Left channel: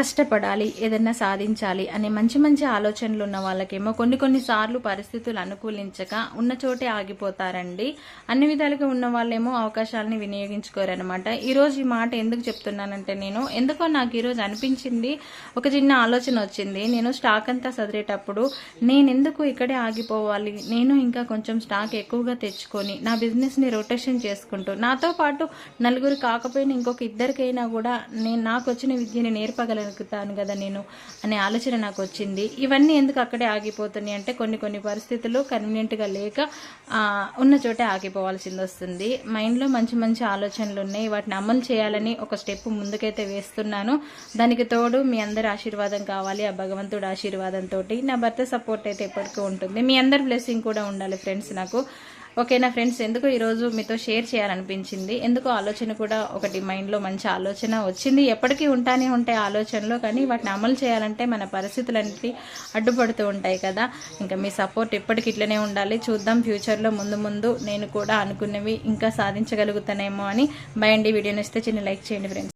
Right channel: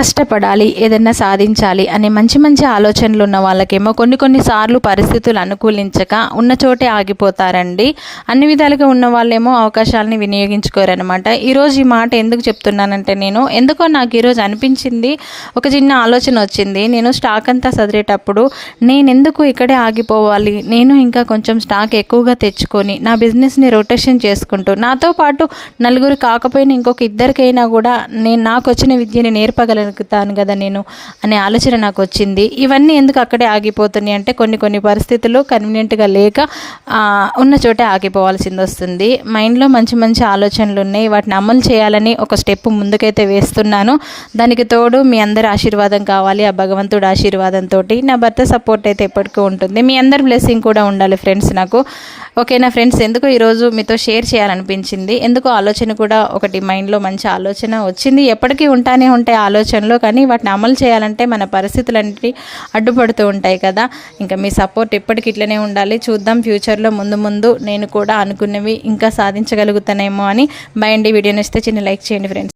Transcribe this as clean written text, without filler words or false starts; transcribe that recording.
కష్టపడాలి, ఏదైనా సాధించాలి అనే మంచి మంచి ఆలోచనలు ఉన్న వాళ్ళకేమో కొన్నిసార్లు పరిస్థితులు అనుకూలించక ఉన్న చోటే ఆగిపోతారండి. అన్ని విధాలుగా ఉన్న వాళ్ళేమో అవకాశాలని వినియోగించుకోరనమాట. ఈరోజు ఈ మాట ఎందుకు చెప్తున్నానంటే, ఎందుకో నాకు ఈరోజు అనిపించింది, ఒక చిన్న ఆలోచన వచ్చింది. నేను స్టాక్ అంతా సదిరేటప్పుడు నేనెందుకు ఇక్కడే ఆగిపోవాలి, నేను ఇంకా కొంచెం స్టాక్ ఎక్కువగా తెచ్చుకొని నా బిజినెస్ని రొటేషన్ చేసుకుంటూ నాతో పాటు నలుగురు కాకపోయినా ఇంకొక ఇద్దరికైనా కూడా నాకు వచ్చిన విద్యని నేర్పగలుగుతాను కదా నేను అనే ఆలోచన నాకు వచ్చింది. ఇవన్నీ ఎందుకు అక్కడే ఆగిపోతున్నాయి అంటే, కొన్ని పరిస్థితులు కన్వీనియంట్గా లేక ఉన్న చోటే ఆగిపోవాల్సింది వస్తుంది. మైండ్లో మంచి మంచి ఆలోచనలు ఉన్నాయి, వాటిని అమలు చేయాలని ఒక స్టెప్ ముందుకైతే వేస్తున్నాను. దానికి తోడు మీ అందరి ఆశీర్వాదం కావాలి. ఆ భగవంతుడి ఆశీర్వాదంతో నా భర్త సపోర్ట్ అయితే ఎప్పటికీ ఉంటుంది. మీ అందరి బ్లెస్సింగ్ కూడా ఉండాలి ఫ్రెండ్స్ నాకు. ఓకేనా ఫ్రెండ్స్, ఎందుకు ఈరోజు మీతో షేర్ చేయాలనిపించింది. ఎందుకో ఆలోచన కూడా ఒకటి మైండ్లో మంచి ఆలోచన వచ్చింది. ఎప్పటికీ ఉంటానే ఉంటాయి ఆలోచనలు, కానీ వాటిని అమలు చేయాలంటే మన పరిస్థితులన్నిటి అడ్డుపడుతూ ఉంటాయి కదా. ఇంకా మీ సపోర్ట్ ఎప్పటికి ఇట్లనే ఉండాలి. చూద్దాం ఫ్యూచర్లో ముందు నేను కూడా అనుకున్నవి ఇంకా సాధించగలుగుతానేమో అని. బై అండి. వీడియో నచ్చితే చిన్న లైక్ చేయండి ఫ్రెండ్స్.